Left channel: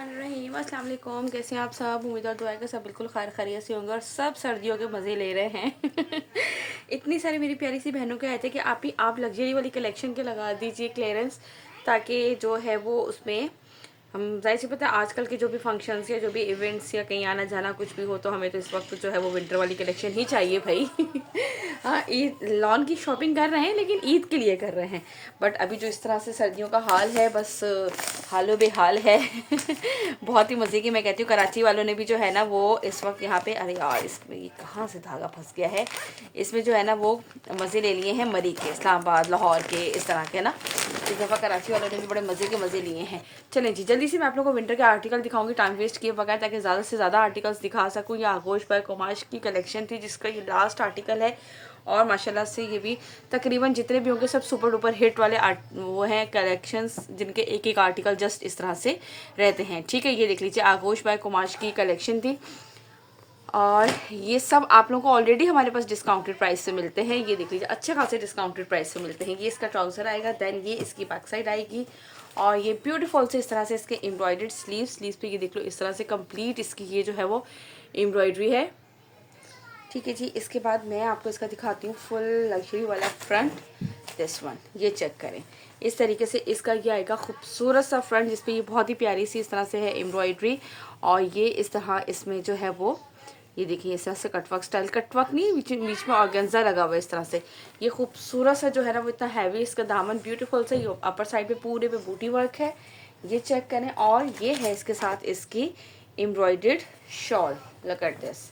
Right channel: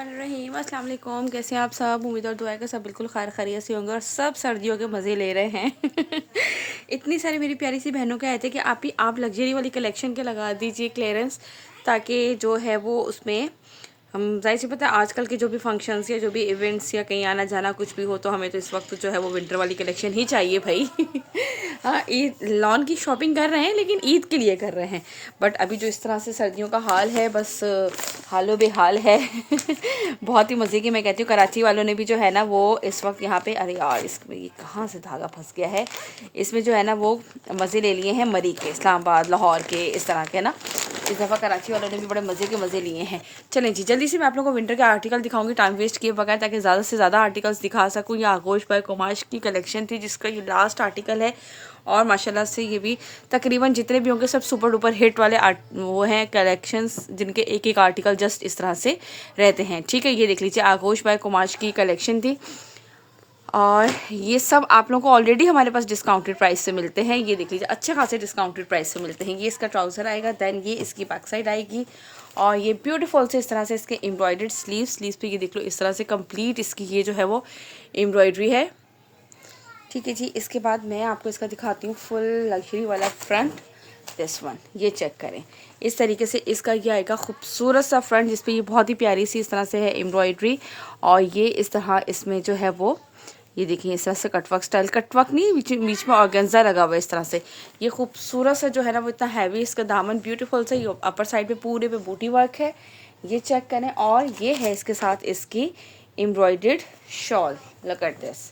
रहीम अस्सलाम वालेकुम। कैसे हैं आप सब? उम्मीद और दुआ है कि सब बिल्कुल खैर खैरियत से होंगे और सब सर्दियों के मज़े ले रहे हैं। इतनी सारी मेरी प्यारी सी बहनों के आए थे कि आप लग्जरी वाली कलेक्शन के लगा दीजिए क्लियरेंस, ताकि जो है वो उसमें हम जाहिर सी पता है आजकल के जो भी फंक्शंस या जो भी इवेंट्स या कहीं आना जाना कुछ भी हो तो हमें तो इस वक्त जो है वो विंटर वाली कलेक्शन ही चाहिए भाई। हाँ, ईद लॉन की शॉपिंग कर रहे हैं लेकिन ईद के लिए कर रहे हैं। बट अभी जो इस तरह से सर्दियों का हाल है, बस हालो बेहाल है। बहुत ही मज़े की। मैं कहती हूँ कराची वालों ने भी जो है ना वो इस वक्त यहाँ पे, अरे यार इसमें ये कहाँ से धागा फंस गया है, इसमें जो है ना वो मज़े ले लिए हैं मरी के, इस्लामाबाद लाहौर के, इस तरह के ना। इस दफ़ा कराची वालों ने भी बड़े मज़े के मज़े लिए हैं। चलें जी, जल्दी से मैं आप लोगों को विंटर के आर्टिकल दिखाऊंगी टाइम वेस्ट किए बगैर, ताकि ज़्यादा से ज़्यादा आर्टिकल्स दिखा सकूँ। ये आगोश पर कुमाश की कलेक्शन थी जिसका ये लास्ट आर्टिकल है और माशाल्लाह से ये भी तकरीबन जितने भी होंगे सब सुपर डुपर हिट वाले वो हैं कलेक्शंस, जिनके एक एक आर्टिकल जस्ट इस तरह से रहते हैं। ठीक है, ये देख लीजिए आगोश बाय कुमाश की कलेक्शन थी और ये सब आप लोगों को ऑलरेडी हमारे पास डिस्काउंटेड प्राइस से मिलते हैं। ये देख लीजिए अच्छे खासे डिस्काउंटेड प्राइस से मिलते हैं। ये इसका ट्राउज़र आएगा, देन ये इसकी बैक साइड आएगी और ये ब्यूटीफुल से इस तरह से इसके एम्ब्रॉयडर्ड स्लीव्स पे ये देख लो इस तरह से कंप्लीट इसकी ये जो है वो एम्ब्रॉयडरी है। ठीक है जी, इसके बाद मैं आपको इसका दिखाती हूँ फुल लग्जरी वाला फ्रंट। दिस वन, ये चेक करें इस तरीके से इसका ये आएगा खूबसूरत सा फ्रंट, जिसपे ये बहुत ही प्यारी सी इस तरह से है एम्ब्रॉयडरी और ये इस तरह इसमें जो है वो ये देखिए इस तरह से कटवर्क स्टाइल, कटवर्क नहीं बीच में ऑर्गेन्जा लगा हुआ है इस तरह से। ये खूबसूरत सा जो है ना वो इतना हैवी, इसका दामन ब्यूटीफुल से, ये अपर साइड पे पूरे पे बूटी वर्क है, ये चेक करें। और ये है इसके साथ इसकी embroidered shawl, look at this.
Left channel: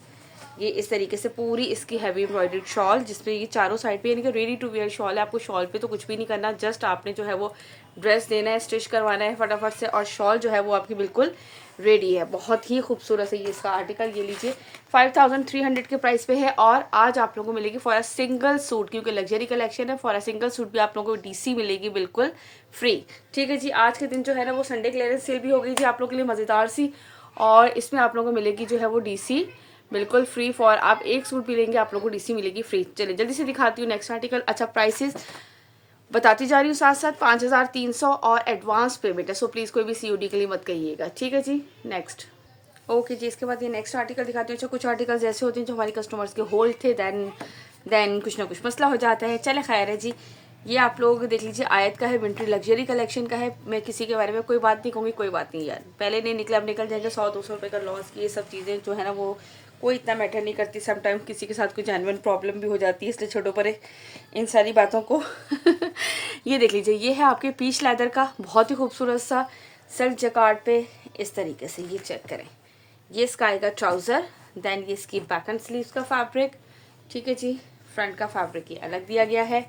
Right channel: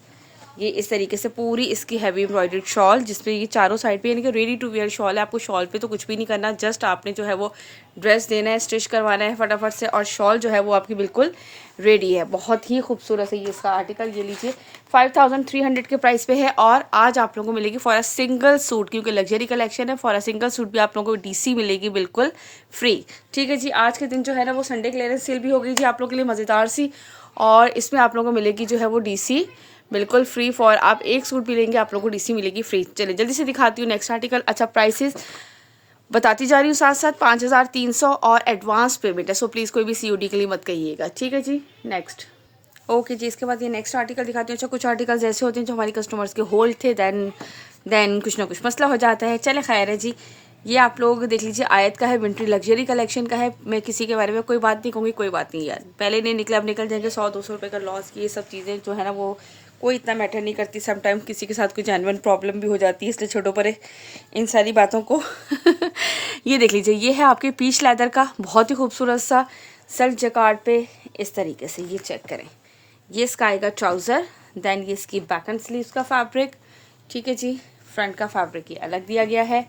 ये इस तरीके से पूरी इसकी हैवी एम्ब्रॉयडर्ड शॉल, जिसपे ये चारों साइड पे यानी कि रेडी टू वेयर शॉल है। आपको शॉल पे तो कुछ भी नहीं करना, जस्ट आपने जो है वो ड्रेस देना है, स्टिच करवाना है फटाफट से और शॉल जो है वो आपकी बिल्कुल रेडी है। बहुत ही खूबसूरत है ये इसका आर्टिकल। ये लीजिए 5300 के प्राइस पे है और आज आप लोगों को मिलेगी फॉर अ सिंगल सूट, क्योंकि लग्जरी कलेक्शन है, फॉर अ सिंगल सूट भी आप लोगों को DC मिलेगी बिल्कुल फ्री। ठीक है जी, आज के दिन जो है ना वो संडे क्लियरेंस सेल भी हो गई जी आप लोगों के लिए मज़ेदार सी, और इसमें आप लोगों को मिलेगी जो है वो DC बिल्कुल फ्री। फॉर आप एक सूट भी लेंगे आप लोगों को DC मिलेगी फ्री। चलिए जल्दी से दिखाती हूँ नेक्स्ट आर्टिकल। अच्छा, प्राइसेस बताती जा रही हूँ साथ साथ। 5300 और एडवांस पेमेंट है, सो प्लीज़ कोई भी COD के लिए मत कहिएगा। ठीक है जी, नेक्स्ट। ओके जी, इसके बाद ये नेक्स्ट आर्टिकल दिखाती हूँ। अच्छा, कुछ आर्टिकल्स ऐसे होते हैं जो हमारे कस्टमर्स के होल्ड थे, देन कुछ ना कुछ मसला हो जाता है। चले खैर है जी। ये आप लोग देख लीजिए आयत का है, विंटर लग्जरी कलेक्शन का है। मैं किसी के बारे में कोई बात नहीं कहूँगी, कोई बात नहीं यार, पहले नहीं निकले अब निकल जाएंगे। 100-200 रुपये का लॉस, ये सब चीज़ें जो है ना वो कोई इतना मैटर नहीं करती। समटाइम किसी के साथ कोई जेन्युइन प्रॉब्लम भी हो जाती है, इसलिए छोड़ो परे इन सारी बातों को। ये देख लीजिए, ये है आपके पीच लेदर का बहुत ही खूबसूरत सा सेल्फ जकार्ड पे इस तरीके से, ये चेक करें। ये इसका आएगा ट्राउज़र, देन ये इसकी बैक एंड स्लीव्स का फैब्रिक। ठीक है जी, फ्रंट का फैब्रिक ये अलग दिया गया है।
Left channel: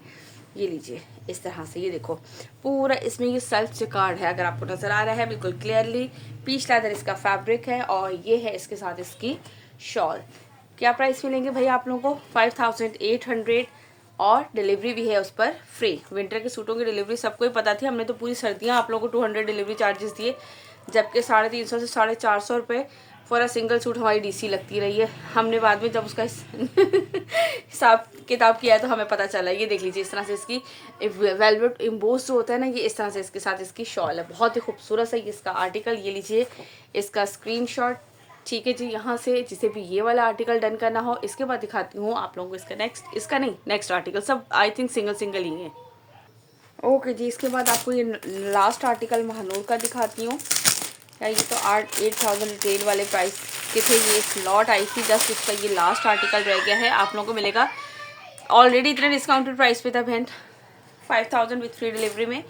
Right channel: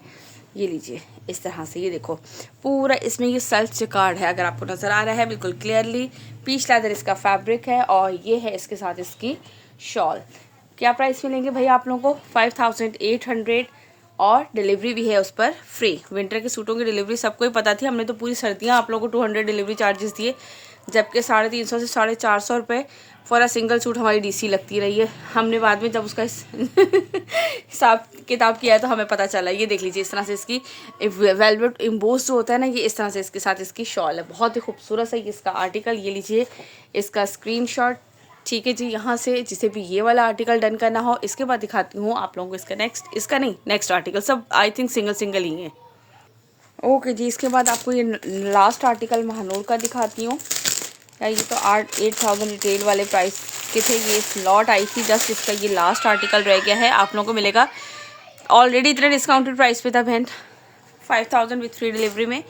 ये लीजिए इस तरह से, ये देखो पूरा इसमें ये सेल्फ जकार्ड है, अगर आपको नज़र आ रहा है बिल्कुल क्लियरली। पीच लेदर इसका फैब्रिक है और ये है इसके साथ इसकी शॉल। क्या प्राइस मिलेंगे भाई आप लोगों को? 5800 और डिलीवरी भी है उस पर फ्री। विंटर के सूटों की डिलीवरी सबको ही पता थी, हमने तो पूरी सर्दियाँ आप लोगों को 200 डिलीवरी चार्जेस दिए, जबकि 350 से 450 रुपये फॉर अ सिंगल सूट हमारी DC लगती रही है। हमने बाद में जब उसका हिसाब किताब किया है तो हमें पता चला। ये देख लीजिए इस तरह से इसकी वेलवेट इम्बोस जो होता है ना, ये इस तरह से इसके साथ इसकी शॉल है, बहुत ही खूबसूरत है इसका आर्टिकल। ये लीजिए इसका स्क्रीनशॉट। ठीक है जी, यहाँ से जिसे भी ये वाला आर्टिकल डन करना हो। इसके बाद दिखाती हूँ आप लोगों को इसका नेक्स्ट आर्टिकल, सब आई थिंक सिंगल ही है। ओके जी, इसके बाद आपको ये लास्ट आर्टिकल महानूर का दिखाती हूँ। ये तो 8,000 रिटेल वाले प्राइस के थे, ये स्लॉट आई थी जस्ट, इसका ये लास्ट आर्टिकल रह गया है। आप लोगों को मिलेगा ऑलरेडी इतने डिस्काउंटेड प्राइस पे था बहन, 5000 विथ फ्री डिलीवरी में।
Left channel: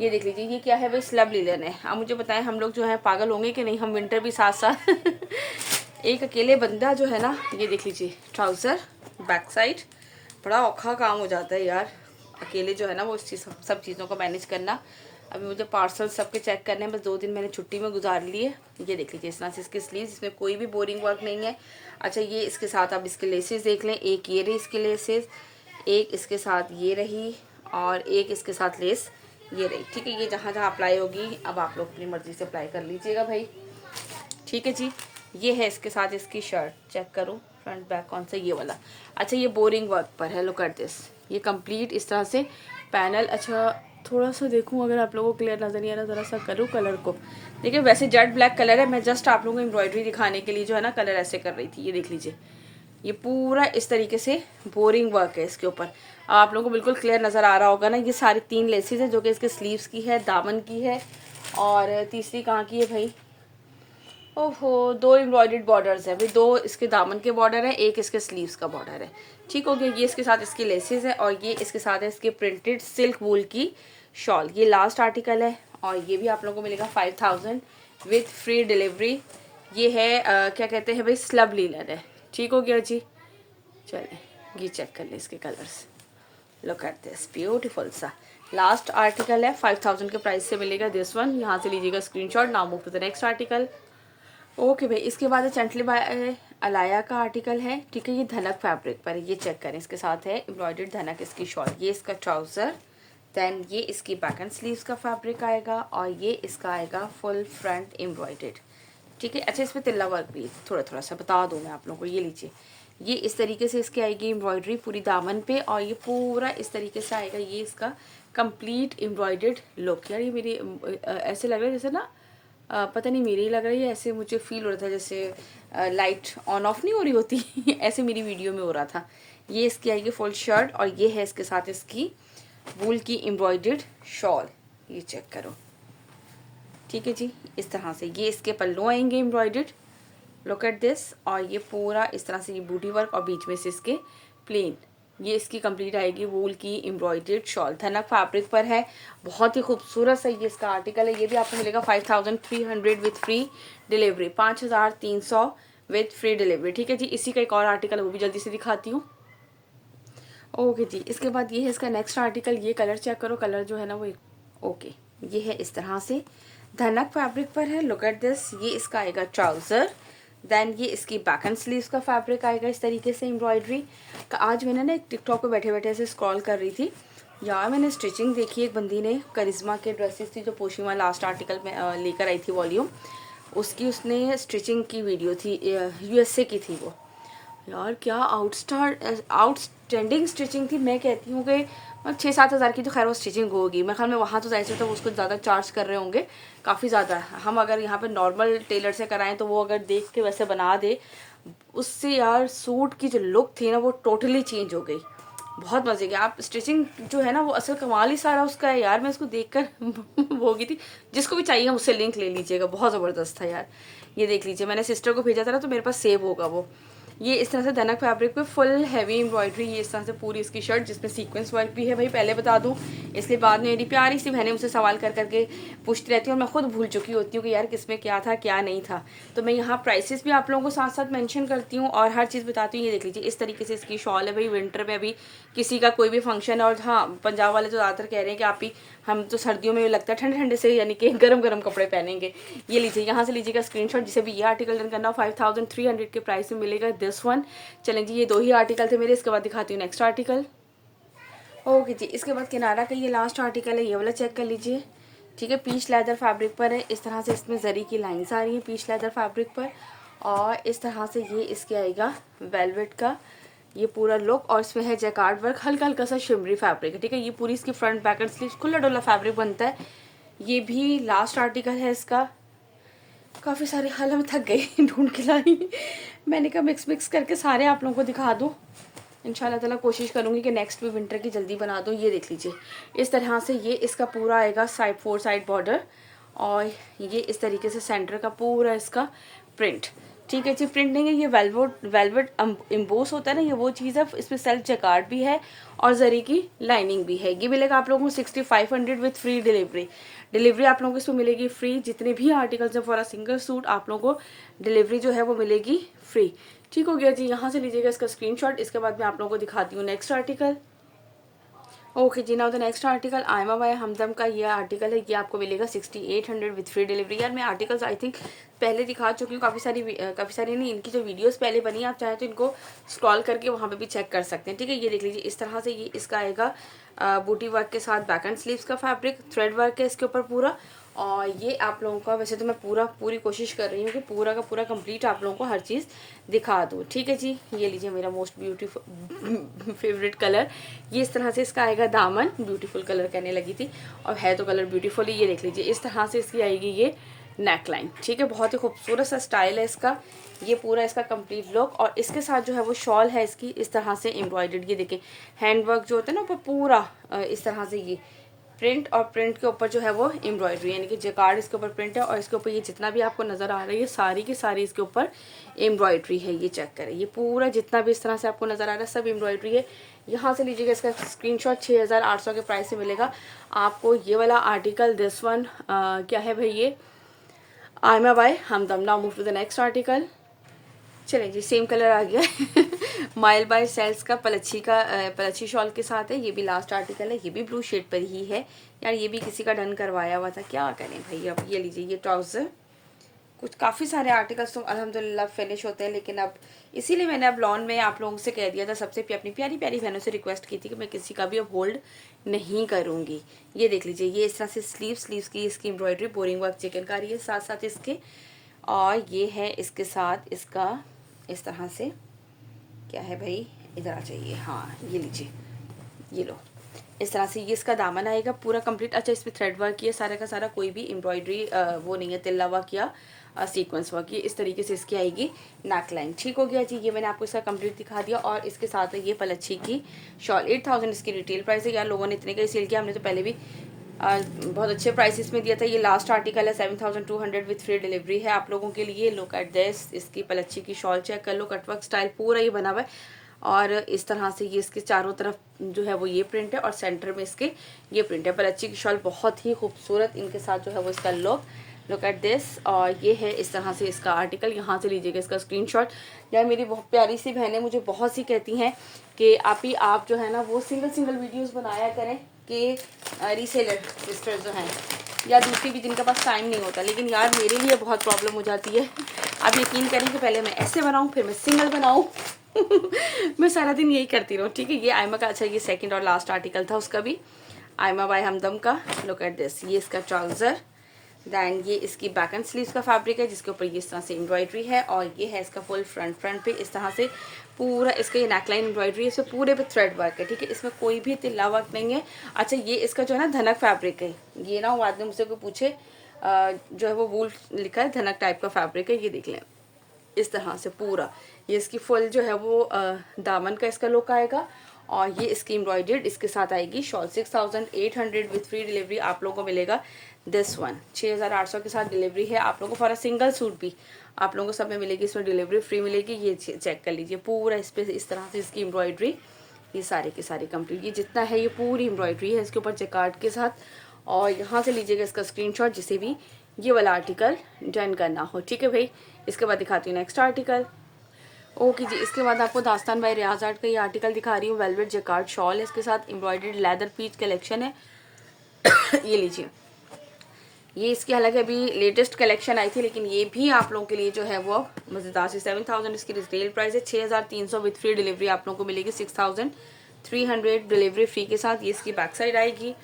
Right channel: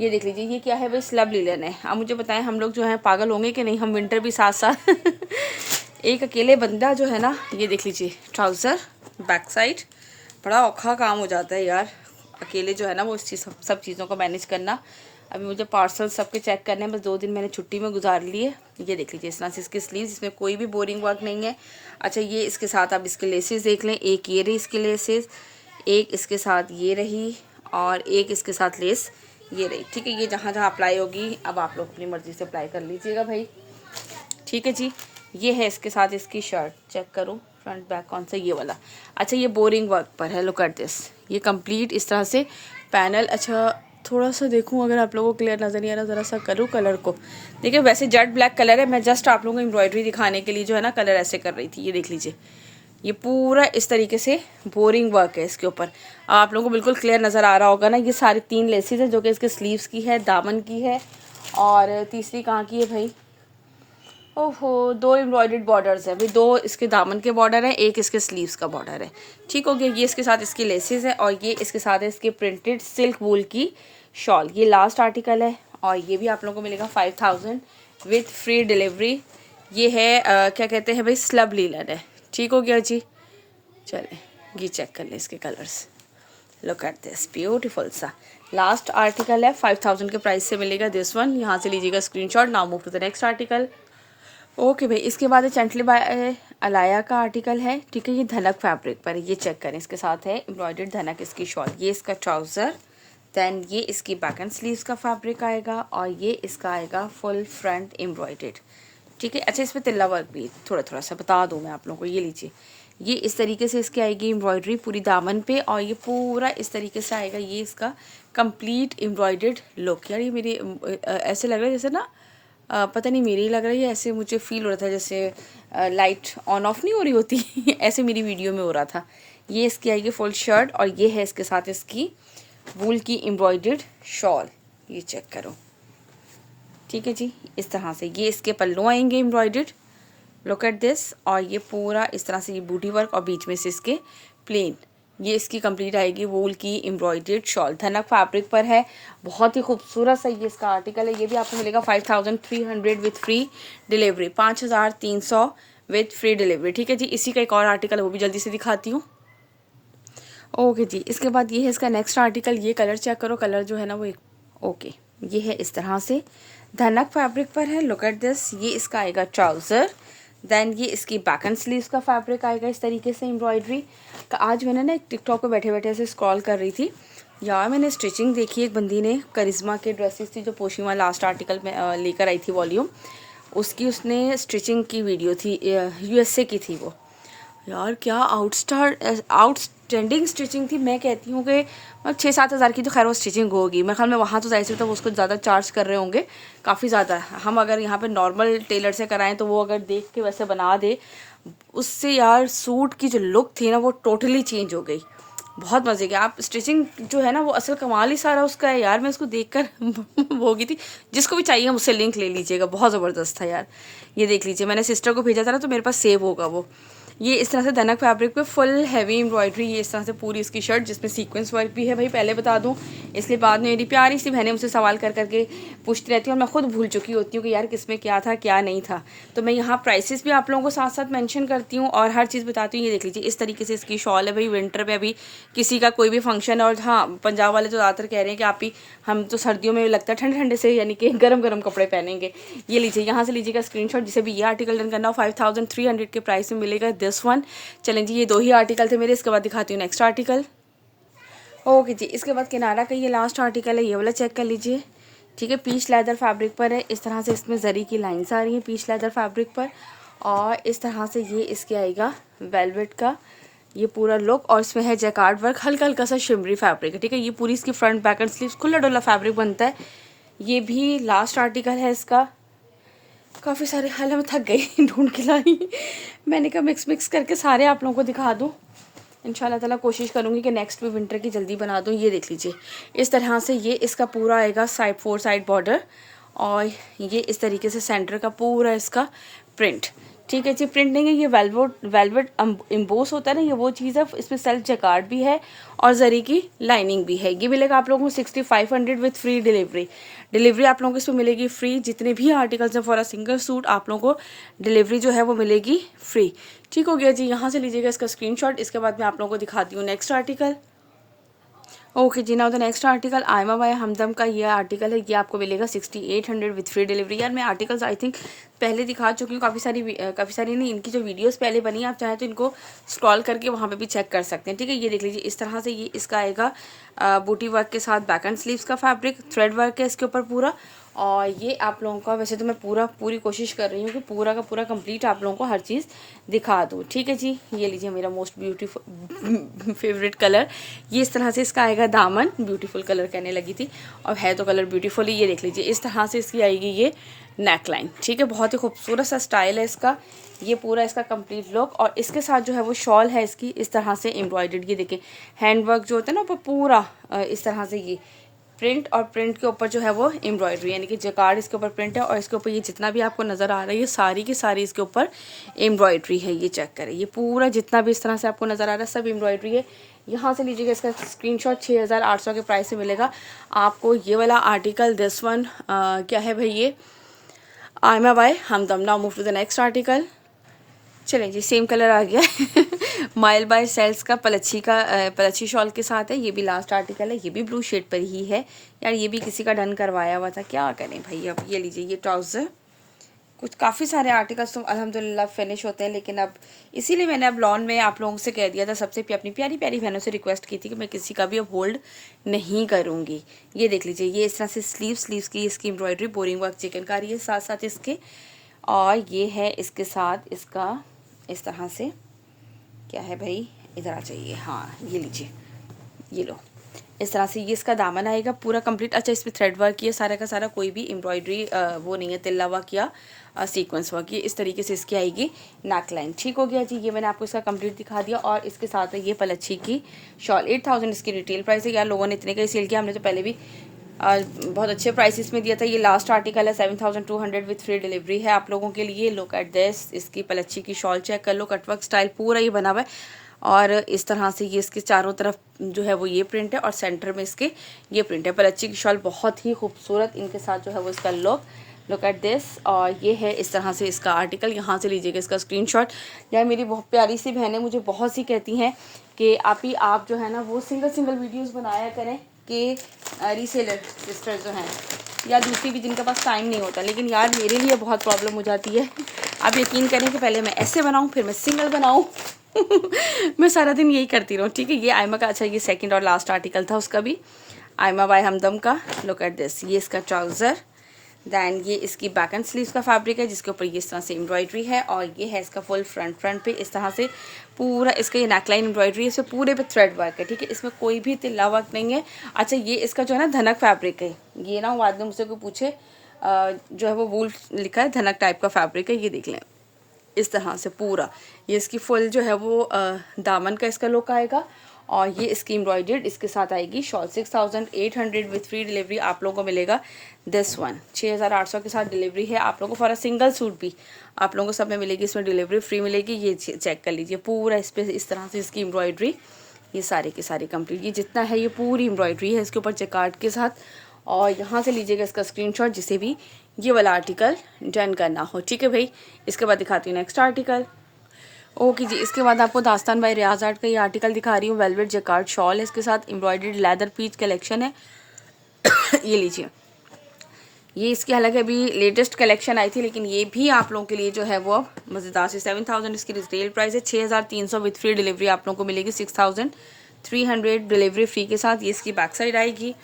ये देख लीजिए ये क्या है भाई, स्लब लिनन है। अब मुझे बताएं हम लोग जो है पागल होंगे कि नहीं, हम विंटर भी साथ साथ एक अकेले बंदा जो है ना, ये देख लीजिए ट्राउज़र बैक साइड, बड़ा औखा काम हो जाता है यार अकेले जो है ना वो इस चीज़ सब चीज़ों को मैनेज करना। अभी मुझे पार्सल सबके चेक करने हैं, बस 2 दिन मैंने छुट्टी में गुजार लिए। ये देख लीजिए इस तरह से इसके स्लीव्स, इसमें कोई भी बोरिंग वर्क नहीं है। अच्छा, ये इसके साथ आप इसके लेसेस देख लें, एक ये रही इसके लेसेस, एक इसके साथ ये रही और एक इसके साथ लेस ये रही। ठीक है, ये जहाँ जहाँ अप्लाई होगी अब आप लोग अपनी मर्ज़ी से अप्लाई कर लीजिएगा भाई। ठीक है जी, ये है इसके साथ इसकी शर्ट, चेक करो फ्रंट बैक कौन सा, ये वाला। अच्छा, ये बोरिंग वर्क पर है, लुक एट दिस, ये कंप्लीट इस तरह से पैनल। अच्छा, थोड़ा सा देखूं अगर आप लोगों को क्लियर नज़र नहीं आ रहा, ज़रा सा करूँ कलर को। देखिए वैसे जेट ब्लैक कलर है, मैं जस्ट आप लोगों को एम्ब्रॉयडरी दिखाने के लिए जो है ना कलर ऐसे कर रही थी। ये देख लीजिए, ये पूरा इस तरीके से बोरिंग वर्क है इसके ऊपर। आप लोगों को बिल्कुल क्लियर नज़र आ रहा होगा ना। ये सारी 3 लेसेस है जो कि इसके स्लीव्स की है, दामन की है, और तीसरी कहाँ की है भाई, ओहो 2 एम्ब्रॉयडर्ड बॉर्डर्स है भाई, 2 इसके दामन के बॉर्डर है, एक इसके स्लीव्स का बॉर्डर है। ठीक हो गया। ये इसके साथ इसकी लेसेस है, और ये इसके साथ है इसके प्रिंटेड सिल्क वूल की शॉल। ये लास्ट आर्टिकल है, और ये भी आप लोगों को मिलेगा 5000 विथ फ्री डिलीवरी। ये है क्या कहते हैं भाई, स्लब लीलन है। ठीक हो गया जी। चले ये चेक कर ले इसके colours. Look at this beautiful सा लास्ट आर्टिकल है, 5000 के प्राइस से मिलेगा दिस वन। यहाँ से लीजिएगा screenshot. Now move to the next article. Okay भाई, इसके बाद चंटली बाय अलाया का आर्टिकल है। ठीक है, ये धनक फैब्रिक पर, ये चेक करें। इसके साथ है एम्ब्रॉयडर्ड धनक इसकी शॉल, ये इसका ट्राउज़र, देन ये इसकी बैक एंड स्लीव्स का फैब्रिक आएगा, और ये इसका आएगा फुल फ्रंट एम्ब्रॉयडर्ड। ठीक है। अच्छा, इसमें तिल्ला वर्क भी थोड़ा थोड़ा सा बता दूँ मैं आप लोगों को। ये लीजिए, ये इस तरीके से इसकी आएगी एम्ब्रॉयडरी पूरी दामन पे, और ये पूरा इस तरीके से आएगा। ये इसका कंप्लीट एम्ब्रॉयडर्ड लुक। यार ये मेरी ऐसे लग रहा है जैसे ना पता नहीं मेरी लग रही है, ऐसे मुझे फील हो रहा था जैसे लाइट ऑन ऑफ नहीं हो रही होती ऐसे मेरी वीडियो में हो रहा था। ये इसकी आएगी फुल शर्ट, और ये है इसके साथ इसकी वूल की एम्ब्रॉयडर्ड शॉल। ये चेक करो। ठीक है जी, इस तरह से ये इसके पल्लू आएंगे एम्ब्रॉयडर्ड। Look at this. और ये पूरा इस तरह से ये बूटी वर्क, और बीच में से इसके प्लेन। ये इसकी कंप्लीट आएगी वूल की एम्ब्रॉयडर्ड शॉल। धनक फैब्रिक पर है, बहुत ही खूबसूरत सा ये इसका आर्टिकल है। ये भी आपको मिलेगा 5300 with free delivery, 5300 with free delivery. ठीक है जी। इसी का एक और आर्टिकल है, वो भी जल्दी से दिखाती हूँ। ओके जी, इसके बाद ये है इसका नेक्स्ट आर्टिकल। ये कलर चेक करो, कलर जो है ना वो ओके ये है इस तरह से, धनक फैब्रिक पर है। Look at this. ये इसका आएगा ट्राउज़र, देन ये इसकी बैक एंड स्लीव्स का फैब्रिक आएगा इस तरीके से एम्ब्रॉयडरी का। आज मैंने ना एक टिकटॉक पे बैठे बैठे ऐसे स्क्रॉल कर रही थी यार, मैंने स्टिचिंग देखी। एक बंदी ने करिश्मा के ड्रेसेस थी जो पोशीमा लास्ट आर्टिकल में लेकर आई थी वॉल्यूम, उसकी उसने स्टिचिंग की वीडियो थी, यूएसए की थी वो। यार क्या आउटस्टैंडिंग स्टिचिंग थी। मैं कहती हूँ कि 6-7 हज़ार की तो खैर वो स्टिचिंग होगी मेरे ख्याल में। वहाँ तो जाहिर सी तो उसको ज़्यादा चार्ज कर रहे होंगे, काफ़ी ज़्यादा। हम अगर यहाँ पे नॉर्मल टेलर से कराएं तो वो अगर देख के वैसे बना दे, उससे यार सूट की जो लुक थी ना वो टोटली चेंज हो गई। बहुत मज़े की। आप स्टिचिंग जो है ना वो असल कमाल ही सारा उसका है यार। मैं उसको देखकर वो हो गई थी। जिसको भी चाहिए मुझसे लिंक ले लीजिएगा, बहुत ज़बरदस्त था यार। ये देख लीजिए, मैंने सिस्टर को भेजा था ना तो मेरे पास सेव होगा वो। ये इस तरह से धनक फैब्रिक पे फुल हैवी एम्ब्रॉयडरी। ये इस तरह से पूरी इसकी शर्ट जिसमें सीक्वेंस वर्क भी है भाई, पहले बता दूं। इसके बाद में मेरी प्यारी सी बहनें मुझसे सवाल कर करके पूछती रहती हैं, और मैं खुद भूल चुकी होती हूँ कि यार किसमें क्या था क्या नहीं था। तो मैं यहाँ प्राइसेस भी आप लोगों को साथ साथ मेंशन करती हूँ और हर चीज़ बताती हूँ। ये देख लीजिए, इस तरीके से इसकी शॉल है भाई। विंटर में अभी किसी का कोई भी फंक्शन है, और हाँ पंजाब वाले तो ज़्यादातर कह रहे हैं कि आप ही, हम तो सर्दियों में लगता है ठंडे ठंडे से यानी कि गरम गरम कपड़े पहनेंगे। ये लीजिए, यहाँ से लीजिएगा स्क्रीनशॉट। जिसे भी ये आर्टिकल डन करना हो 5300 के प्राइस में मिलेगा दिस वन। चलें जी, ये 2 ही आर्टिकल थे मेरे। इसके बाद दिखाती हूँ नेक्स्ट आर्टिकल। ओके जी, इसके बाद किनारा का ये लास्ट आर्टिकल है, ये वाला चेक कर लीजिए। ठीक है, पीच लेदर फैब्रिक पर है। इस तरह से इसमें जरी की लाइंस आ रही हैं पीच लेदर फैब्रिक पर, और इस तरह से ये इसके आएगा वेलवेट का ये पूरा लुक, और इसमें है जैकार्ड वर्क, हल्का हल्का सा शिमरी फैब्रिक है। ठीक है, ये पूरी इसकी फ्रंट बैक एंड स्लीव्स खुला डुला फैब्रिक बनता है। ये भी लास्ट आर्टिकल है इसका। काफ़ी सारे हाल में थक गई ढूंढ के लाई। मैंने कहा मिक्स करके सारे आप लोगों को दिखा दूँ। इंशाल्लाह ताला कोशिश करूँगी कि नेक्स्ट भी विंटर की जल्दी बना दूँ। ये देख लीजिए, इस तरह से ये इसका पूरा आएगा साइड 4 साइड बॉर्डर, और ये इस तरीके से सेंटर का पूरा इसका प्रिंट। ठीक है जी, प्रिंट नहीं है ये, वेलवेट एम्बोस होता है ना, ये वो चीज़ है। इसमें सेल्फ जैकार्ड भी है और जरी की लाइनिंग भी है। ये मिलेगा आप लोगों को 6500 विथ फ्री डिलीवरी। डिलीवरी आप लोगों को इसमें मिलेगी फ्री। जितने भी आर्टिकल्स हैं फॉर अ सिंगल सूट आप लोगों को डिलीवरी जो है वो मिलेगी फ्री। ठीक हो गया जी, यहाँ से लीजिएगा इसका स्क्रीनशॉट। इसके बाद मैं आप लोगों को दिखाती हूँ नेक्स्ट आर्टिकल। ओके जी, now the next article Ayma by Hamdam का ये आर्टिकल है। ये आपको मिलेगा 6800 विथ फ्री डिलीवरी। यार मैं आर्टिकल्स आई थिंक पहले दिखा चुकी हूँ, काफ़ी सारी नहीं, इनकी जो वीडियोस पहले बनी आप चाहें तो इनको स्क्रॉल करके वहाँ पे भी चेक कर सकते हैं। ठीक है, ये देख लीजिए, इस तरह से ये इसका आएगा बूटी वर्क के साथ बैक एंड स्लीव्स का फैब्रिक, थ्रेड वर्क है इसके ऊपर पूरा, और ये आप लोगों का, वैसे तो मैं पूरी कोशिश कर रही हूँ कि पूरा का पूरा कंप्लीट आप लोगों को हर चीज़ दिखा दूँ। ठीक है जी, ये लीजिए मेरा मोस्ट ब्यूटीफुल फेवरेट कलर। ये इस तरह से इसका आएगा दामन, ब्यूटीफुल कलर कहने लगी थी और है तो कलर ब्यूटीफुल ही। ये देख लीजिए इस तरह से इसकी आएगी ये नेक लाइन। ठीक है, बहुत ही खूबसूरत सा स्टाइल है इसका। ये पूरा इसका कंप्लीट लुक, और इसके साथ जो है वो शॉल है इसकी इस तरह से एम्ब्रॉयडर्ड। ये देखिए हैंडवर्क जो होता है ना वो पूरा इस तरह से ये प्रिंट, और प्रिंट के ऊपर जो है वो एम्ब्रॉयडरी, यानी कि जकार्ड इसके ऊपर प्रिंट है और इसके ऊपर ये जितना भी आपको नज़र आ रहा है ये सारी की सारी इसके ऊपर एम्ब्रॉयडरी है। ये चेक करें, ये पूरा जितना भी इस तरह से आपको नज़र आ रहा है सब एम्ब्रॉयडरी है। यहाँ से लीजिएगा इसका स्क्रीनशॉट। 6800 के प्राइस से मिलेगा आपको ये वाला आर्टिकल। दिस वन क्या है भाई, ये Ayma by Hamdam. Now move to the next article. चलें जी, सेम कलर आ गया माइल बाय सेल्स का पलच्छी शॉल के साथ है। ये भी लास्ट आर्टिकल है, ये भी ब्लू शेड पर ही है। यार ये भी किसी का डन करवाया हुआ था, क्या करें भाई। अब ये लीजिए ये ट्राउज़र। कुछ काफ़ी सारे आर्टिकल्स तो अल्हम्दुलिल्लाह फिनिश होते हैं, लेकिन अब इसीलिए मैंने अब लॉन में आप लोगों से कह दिया था, सबसे अपनी प्यारी प्यारी बहनों से रिक्वेस्ट की थी कि मैं किसी का भी अब होल्ड नहीं करूँगी। ये देख लीजिए, ये इस तरह से स्लीव्स की इसकी एम्ब्रॉयडरी बोरिंग वर्क चिकनकारी है साथ साथ इसके, और ये है इसके साथ इसका इस तरह से, क्या है भाई इधर आ जाइए, हाँ ये लीजिए, ये लो इस तरह से ये इसका दामन आएगा पूरा कंप्लीट। अच्छा, इसमें थ्रेड वर्क किया सारा का सारा, कोई भी एम्ब्रॉयडरी वो नहीं है, तिल्ला वर्क या सीक्वेंस वर्क। ये इस तरीके से इसकी आएगी नेक लाइन। ठीक हो गया जी, ये मैंने आपको इसका कंप्लीट दिखा दिया। और इसके साथ है ये पलच्छी की शॉल। 8000 इसकी रिटेल प्राइस है। यार लोगों ने इतने का ही सेल किया, हमने तो पहले भी बहुत अच्छे प्राइसेस में दिया था। ये लास्ट आर्टिकल है 7200 विथ फ्री डिलीवरी है आप लोगों के लिए। लुक एट दिस, इसकी पलच्छी की शॉल चेक कर लो, कटवर्क स्टाइल पूरा ये बना हुआ है, और इस तरह से ये इसके चारों तरफ जो है वो ये प्रिंट है और सेंटर में इसके ये प्रिंट है। पलच्छी की शॉल बहुत ही खूबसूरत, इनके साथ जो है वो इसका लुक एट दिस। और ये है इस तरह से इसका आर्टिकल। यहाँ से लीजिएगा इसका स्क्रीनशॉट। यार मेरी बहुत प्यारी सी बहनें मुझे बहुत सी कहती हैं कि आप जो है ना वो सिंगल वीडियोस बनाया करें कि रीसेलर सिस्टर जो हैं या दूसरी भी जिनके पास टाइम नहीं होता, लेकिन यार मेरे लिए बहुत प्रॉब्लम हो जाती है। आप यकीन करें कि पहले मैं ऐसे बनाऊँ फिर मैं सिंगल बनाऊँ मैं सारा दिन यही करती रहूँ। ठीक है, ये आयमा का, अच्छा ये सेकंड और लास्ट आर्टिकल था उसका भी, आयमा बाय हमदम का। लुक एट दिस, ये इसका ट्राउज़र। दैन ये इसकी बैक एंड स्लीव्स का फैब्रिक है जिसके ऊपर ये इस तरह से एम्ब्रॉयडरी है, और ये है इसका फुल फ्रंट पे इस तरह से पूरा इसका ये नेकलाइन एम्ब्रॉयडरी है, इसमें पूरे पे थ्रेड वर्क है। ठीक है, इसमें कोई भी तिल्ला वर्क नहीं है। अच्छा, ये इसका जो है ना धनक फैब्रिक है, ये ना बाद में मुझसे कोई पूछे जो है वो वूल लिखा है, धनक टाइप का फैब्रिक है। ये देख लें इस तरह से पूरा ये इसकी फुल जो है वो दामन का इसका लुक आएगा, और ये इसकी एम्ब्रॉयडर्ड इसके साथ आएगी शॉल। 6800 विथ फ्री डिलीवरी आप लोगों को मिलेगा। दिस वन 6800 के साथ डिलीवरी है आप लोगों को। फॉर अ सिंगल सूट भी आप लोगों को सब में मिलेगी, इसमें डिलीवरी फ्री मिलेगी। ये चेक कर लीजिए पूरा इस पर इस तरह से इसकी एम्ब्रॉयडरी, ये सारी की सारी कंप्लीट, ये जितना है ये पूरी एम्ब्रॉयडरी है इसके ऊपर जकार्ड के साथ। और यहाँ से लीजिएगा इसका स्क्रीनशॉट जिसे भी ये वाला आर्टिकल डन करना हो। ठीक है भाई, इसके बाद दिखाती हूँ नेक्स्ट आर्टिकल। ओके जी, इसके बाद आपको दास्तान बाय रियाज आर्ट का ये आर्टिकल दिखा रही हूँ। वेलवेट जकार्ड शॉल है इसके साथ, एम्ब्रॉयडर्ड लेदर पीच कलेक्शन है ये लीजिए, ये इसकी हालांकि अभी लेटेस्ट कलेक्शन आई थी, लेकिन ये भी आप लोगों के लिए जो है वो मज़ेदार से 7000 इसकी रिटेल प्राइस है। 6300 विथ फ्री डिलीवरी आप लोगों को मिलेगी। 6300 डिलीवरी फ्री के साथ ये इसकी बैक साइड आएगी।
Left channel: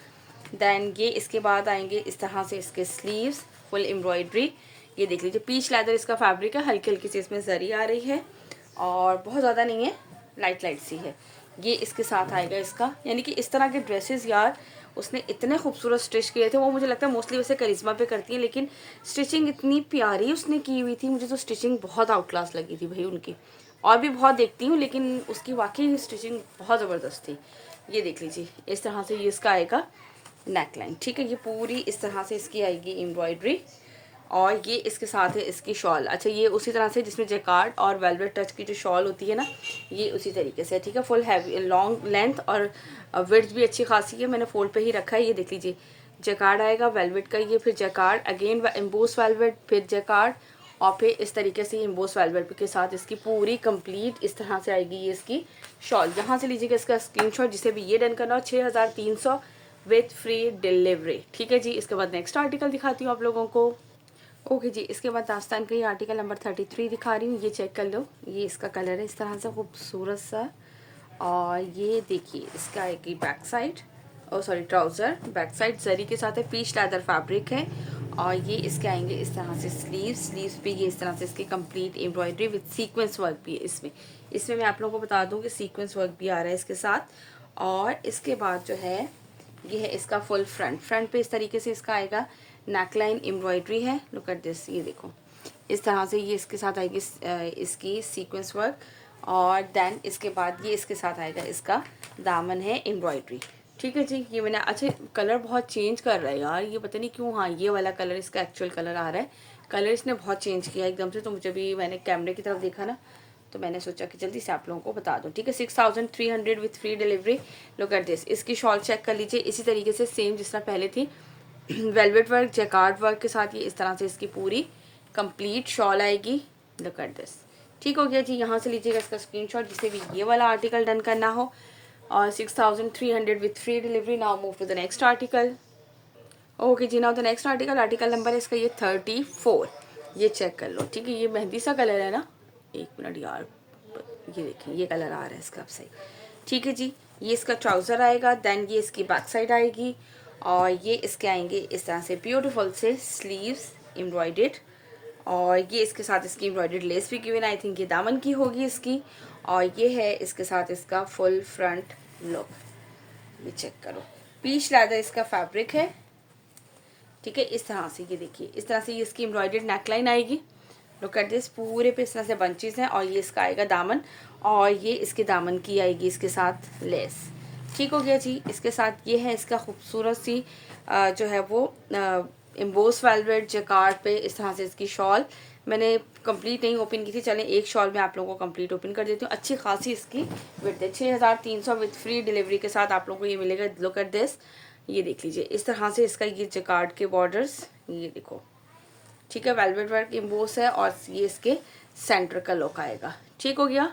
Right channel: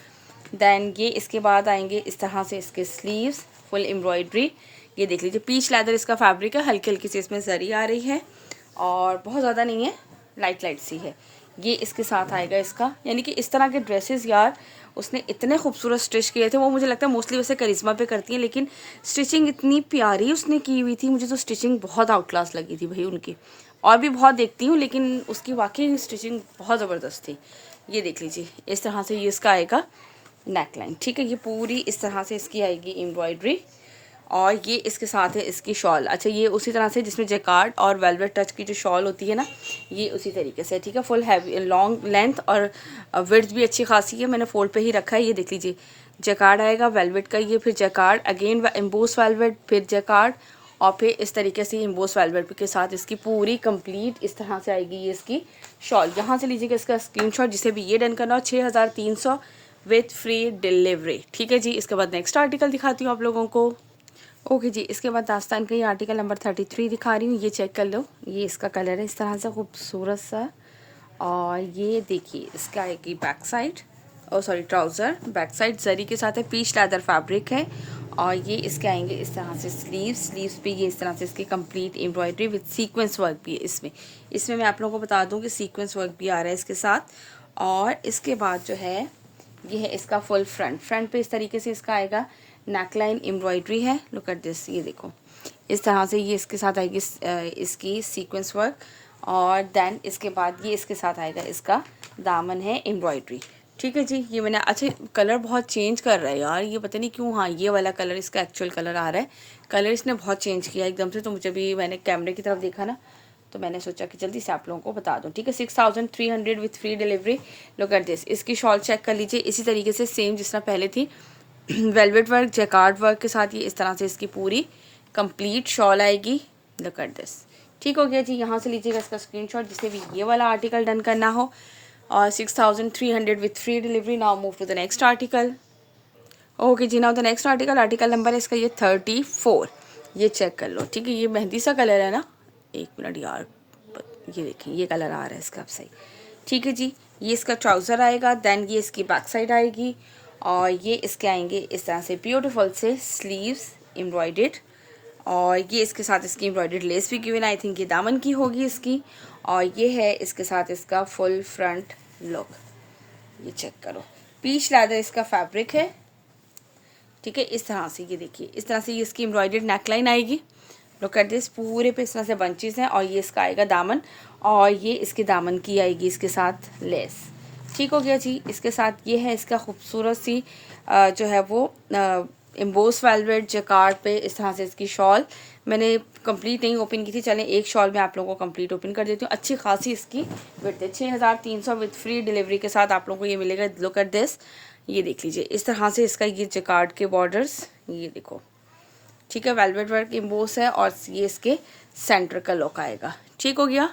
दैन ये इसके बाद आएंगे इस तरह से इसके स्लीव्स फुल एम्ब्रॉयडरी। ये देख लीजिए पीच लेदर इसका फैब्रिक है, हल्की हल्की सी इसमें जरी आ रही है और बहुत ज़्यादा नहीं है, लाइट सी है। ये इसके साथ आएगा इसका, यानी कि इस तरह के ड्रेसेस यार उसने इतने खूबसूरत स्टिच किए थे। वो मुझे लगता है मोस्टली वैसे करिश्मा पे करती है, लेकिन स्टिचिंग इतनी प्यारी उसने की हुई थी, मुझे तो स्टिचिंग बहुत आउट क्लास लगी थी भाई उनकी। और भी बहुत देखती हूँ लेकिन उसकी वाकई स्टिचिंग बहुत ज़बरदस्त थी। ये देख लीजिए इस तरह से ये इसका आएगा नेकलाइन। ठीक है, ये पूरी इस तरह से इसकी आएगी एम्ब्रॉयडरी, और ये इसके साथ है इसकी शॉल। अच्छा, ये उसी तरह से जिसमें जैकार्ड और वेलवेट टच की जो शॉल होती है ना, ये उसी तरीके से। ठीक है, फुल हैवी लॉन्ग लेंथ और विड्थ भी अच्छी खासी है, मैंने फोल्ड पे ही रखा है। ये देख लीजिए जैकार्ड आएगा वेलवेट का, ये फिर जैकार्ड अगेन एम्बोस वेलवेट, फिर जैकार्ड, और फिर इस तरीके से एम्बोस वेलवेट के साथ इसकी पूरी कंप्लीट इस तरह से आएगी ये इसकी शॉल। यहाँ से लीजिएगा इसका स्क्रीनशॉट जिसे भी ये डन करना हो। 6300 विथ फ्री डिलीवरी। ठीक है जी, इसके बाद नेक्स्ट आर्टिकल दिखाती हूँ आप लोगों को। ओके जी, इसके बाद दास्तान का ये आर्टिकल नंबर 33 दिखा रही हूँ। ये चेक कर लो, ये इसका कलर है इस तरह से खूबसूरत सा, और ये देखिए इसका आएगी बैक साइड, ओ सॉरी ट्राउज़र, बैक साइड जरी के साथ है, पीच लेदर फैब्रिक है, और ये इसके आएंगे इस तरह से स्लीव्स पे ये इस तरह से इसकी complete embroidery with sequence work भी है इसमें मैं आप लोगों को बता दूं कि सीक्वेंस वर्क भी आ रहा है इसके साथ। और इसके बाद जो है ये है इसका फुल फ्रंट पे इस तरीके से इसका आएगा, नेकलाइन एम्ब्रॉयडरी है, लुक एट दिस, ये देखो इस तरह से ये इसके साथ आएगी इसकी सीक्वेंस वर्क। और देन इसके बाद ये इसके साथ आएगा इसका दामन है एम्ब्रॉयडरी। ठीक है जी, ये मैंने, अच्छा कलर बहुत चेंज कर रहा है यार, ये पता नहीं क्यों। हाँ, ये वाला कलर इसका एक्चुअल कलर आ रहा है, कलर इसने बहुत चेंज किया एकदम से। तो मुझे भी, मैंने कैमरे की तरफ देखा ना, तो मैंने सोचा कि जल्दी से आप लोगों को बता दूं। ठीक है, 6300 with free delivery. Look at this, इसकी शॉल चेक कर लीजिए, इसी तरीके से सेम जिस तरह पहले थी, वेलवेट वर्क जैकार्ड वर्क के साथ ये इस तरह से इसकी पूरी कंप्लीट शॉल आएगी। लुक एट दिस, ठीक हो गया जी। यहाँ से लीजिएगा इसका स्क्रीनशॉट जिसे भी ये वाला आर्टिकल डन करना हो। और 6300 with free delivery. Now move to the next article. Okay जी, now the next article number है इसका ये 34। ये चेक कर लो। ठीक है, ये मेहंदी सा कलर है ना, एक मिनट यार, ये देखिए ये कलर आ रहा है इसका, अब सही। ठीक है जी, ये इसका ट्राउज़र आएगा, देन ये इसकी बैक साइड आएगी, और ये इसके आएंगे इस तरह से ब्यूटीफुल से स्लीव्स एम्ब्रॉयडेड। और ये इसके साथ इसकी एम्ब्रॉयडेड लेस भी गिवन, आई थिंक ये दामन की होगी इसकी। और ये है इसके साथ इसका फुल फ्रंट लुक, ये चेक करो। पीच लेदर इसका फैब्रिक है। ठीक है, इस तरह से ये देखिए, इस तरह से ये इसकी एम्ब्रॉयडेड नेकलाइन आएगी। लुक एट दिस, पूरे पे इस तरह से बंचेस हैं। और ये इसका आएगा दामन, और ये इसके दामन की आएगी इसके साथ लेस। ठीक हो गया जी। इसके साथ ये है इसका खूबसूरत सी जो है वो एम्बोस वेलवेट जैकार्ड पे इस तरह से इसकी शॉल। मैंने कंप्लीट नहीं ओपन की थी, चलें एक शॉल में आप लोगों को कंप्लीट ओपन कर देती हूँ। अच्छी खासी इसकी विड्थ है, 6300 विद फ्री डिलीवरी के साथ आप लोगों को ये मिलेगा। लुक एट दिस, ये देख लीजिए इस तरह से इसका ये जैकार्ड के बॉर्डर्स, ये देखो। ठीक है, वेलवेट वर्क एम्बोस है, और ये इसके सेंटर का लुक आएगा। ठीक हो गया,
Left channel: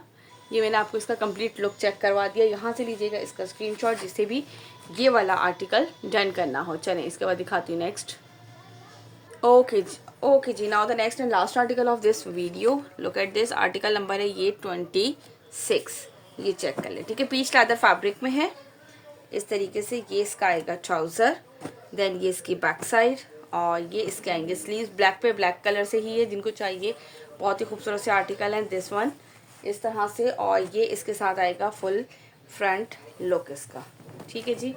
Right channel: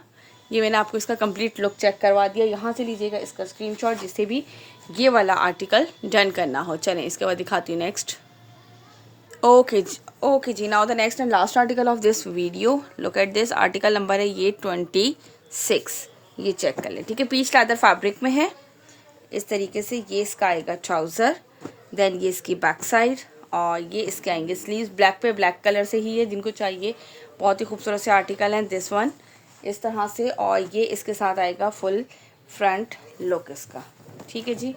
ये मैंने आपको इसका कंप्लीट लुक चेक करवा दिया। यहाँ से लीजिएगा इसका स्क्रीनशॉट जिससे भी ये वाला आर्टिकल डन करना हो। चलें इसके बाद दिखाती हूँ नेक्स्ट। ओके जी, now the next and last article of this video. Look at this, article number है ये 26। ये चेक कर लें। ठीक है, पीच लेदर फैब्रिक में है इस तरीके से। ये इसका आएगा ट्राउज़र, देन ये इसकी बैक साइड, और ये इसके आएंगे स्लीव्स। ब्लैक पे ब्लैक कलर से ही है, जिनको चाहिए बहुत ही खूबसूरत से आर्टिकल हैं दिस वन, इस तरह से। और ये इसके साथ आएगा फुल फ्रंट लुक इसका। ठीक है जी,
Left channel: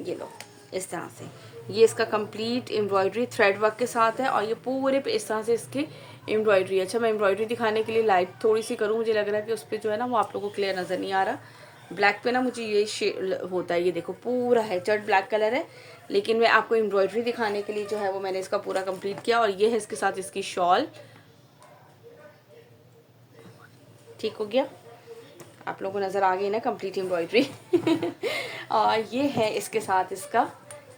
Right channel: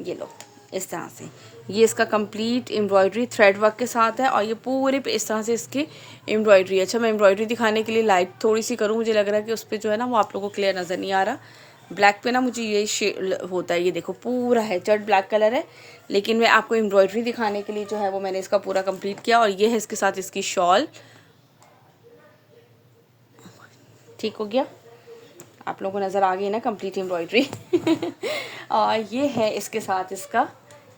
ये लो इस तरह से ये इसका कंप्लीट एम्ब्रॉयडरी थ्रेड वर्क के साथ है, और ये पूरे पे इस तरह से इसकी एम्ब्रॉयडरी। अच्छा, मैं एम्ब्रॉयडरी दिखाने के लिए लाइट थोड़ी सी करूँ, मुझे लग रहा है कि उस पर जो है ना वो आप लोगों को क्लियर नज़र नहीं आ रहा। ब्लैक पे ना मुझे ये शेड होता है, ये देखो पूरा है जट ब्लैक कलर है, लेकिन मैं आपको एम्ब्रॉयडरी दिखाने के लिए जो है वो मैंने इसका पूरा कंप्लीट किया। और ये है इसके साथ इसकी शॉल। ठीक हो गया, आप लोगों को नज़र आ गई ना कंप्लीट एम्ब्रॉयडरी। और ये है इसके साथ इसका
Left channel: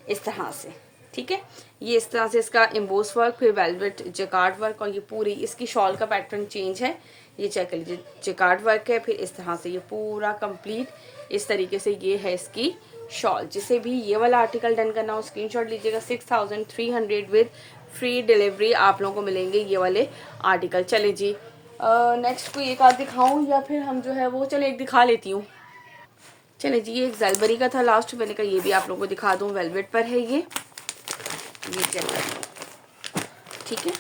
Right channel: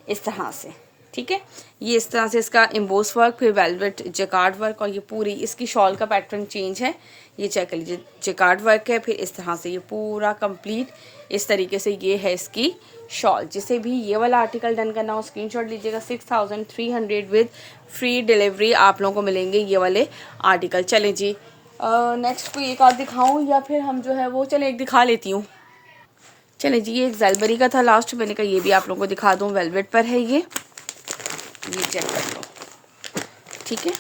इस तरह से। ठीक है, ये इस तरह से इसका एम्बोस वर्क, फिर वेलवेट जैकार्ड वर्क, और ये पूरी इसकी शॉल का पैटर्न चेंज है। ये चेक कर लीजिए, जैकार्ड वर्क है, फिर इस तरह से ये पूरा कंप्लीट इस तरीके से ये है इसकी शॉल। जिसे भी ये वाला आर्टिकल डन करना हो स्क्रीनशॉट लीजिएगा। 6300 विद फ्री डिलीवरी आप लोगों को मिलेंगे ये वाले आर्टिकल। चलें जी, नेक्स्ट कोई एक आध दिखाऊँ, या फिर हम जो है वो, चले एक दिखा लेती हूँ। चले जी, ये एक ज़ैलबरी का था लास्ट, मैंने कहा ये भी आप लोगों को दिखा दूँ। वेलवेट पर है ये चेक कर लो। ठीक है,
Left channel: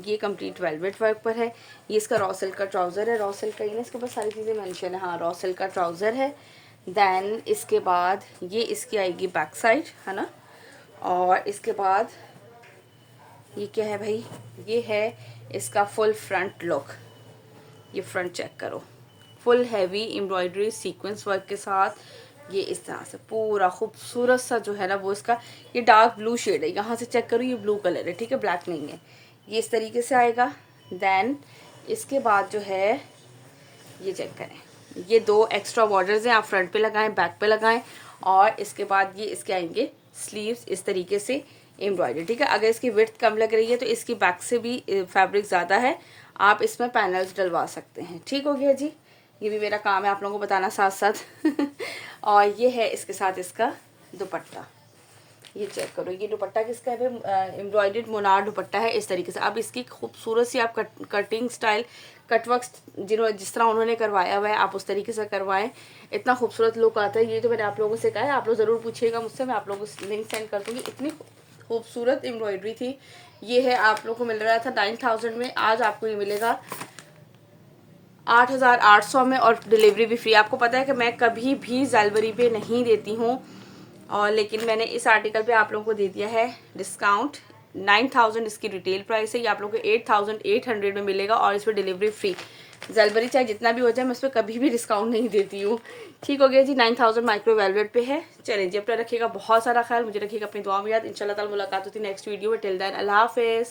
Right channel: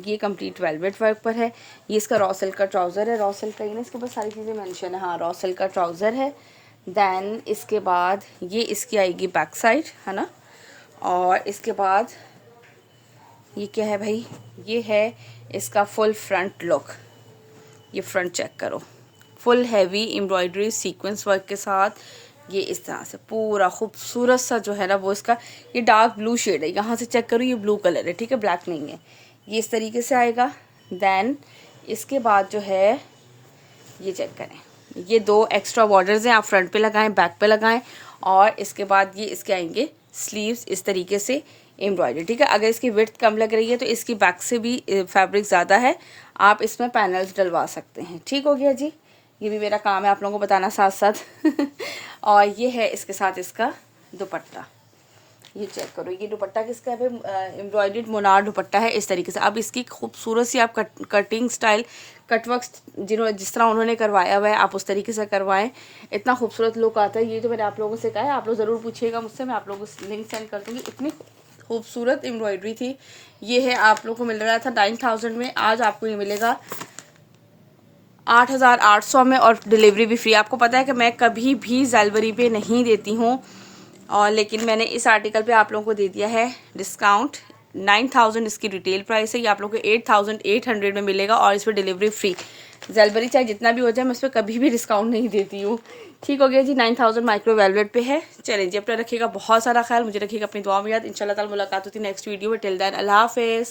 ये कंप्लीट वेलवेट वर्क पर है। ये इसका रॉ सिल्क का ट्राउज़र है, रॉ सिल्क का, ये इसके ऊपर सारी चीज़ें मेंशन है। हाँ, रॉ सिल्क का ट्राउज़र है। देन इसके बाद ये इसकी आएगी बैक साइड, है ना। और इसके बाद ये क्या है भाई, ये है इसका फुल फ्रंट लुक। ये फ्रंट चेक करो, full heavy embroidery sequence work के साथ। ये इस तरह से पूरा खूबसूरत सा जो है ना वो इसका, ये डार्क ब्लू शेड है, यहाँ से चेक करो ये ब्लू कलर है। ठीक है, ब्लैक नहीं है। ये इस तरीके से आएगा। देन इसके बाद जो है ये चेक करें, ये 2 एक्स्ट्रा बॉर्डर्स हैं, आप फ्रंट पे लगाएं, बैक पे लगाएं। और इसके बाद ये इसके आएंगे स्लीव्स इस तरीके से एम्ब्रॉयडरी। ठीक है, अगर इसकी विड्थ कम लग रही है तो इसकी बैक से भी फैब्रिक ज़्यादा है, आप इसमें पैनल्स डलवा सकते हैं। ठीक हो गया जी, ये भी मेरा काम है आप लोगों को बताना साथ साथ। और ये है इसके साथ इसका दुपट्टा। ये चेक करो, ये दुपट्टा किसका है, एम्ब्रॉयडर्ड मोनार दुपट्टा है इस तरीके से। अब इसकी खूबसूरत सी आप कटिंग स्टाइल, कटवर्क जिस तरह उन्होंने करवाया हुआ है आप उस तरीके से करवाएं, इतना खूबसूरत लुक आता है। ये तो मैंने आप लोगों से कहा है, आप लोग ज़रूर पूछिएगा मुझसे, मैं आप लोगों को लिंक सेंड कर दूँगी। इतनी खूबसूरत एम्ब्रॉयडरी थी। ये है आप लोग को मिल रहा था 9000 में, आज आपको ये मिलेगा 8800 में और डिलीवरी भी फ्री। आपको पता है कि मैं कभी भी ज़ेलवरी पे नहीं देती हूँ, और लेकिन मैंने इस आर्टिकल पे आप लोगों को दे दिया है डिस्काउंट। 9000 इसकी रिटेल प्राइस है, ये आप लोगों को 8800 में मिलेगा और इस पर डिलीवरी फ्री। ज़ेलवरी चाहे जितना भी हो जाए, मैं इस पर कभी भी डिस्काउंट नहीं देती हूँ। ठीक हो गया जी, 9000 माइक्रो वेलवेट पे है। चलें जी, अपना रखिएगा बहुत सारा ख्याल, मुझे रखिएगा अपनी दुआ में याद। इंशाल्लाह ताला मुलाकात होती है नेक्स्ट वीडियो में। टिल देन अल्लाह हाफिज़।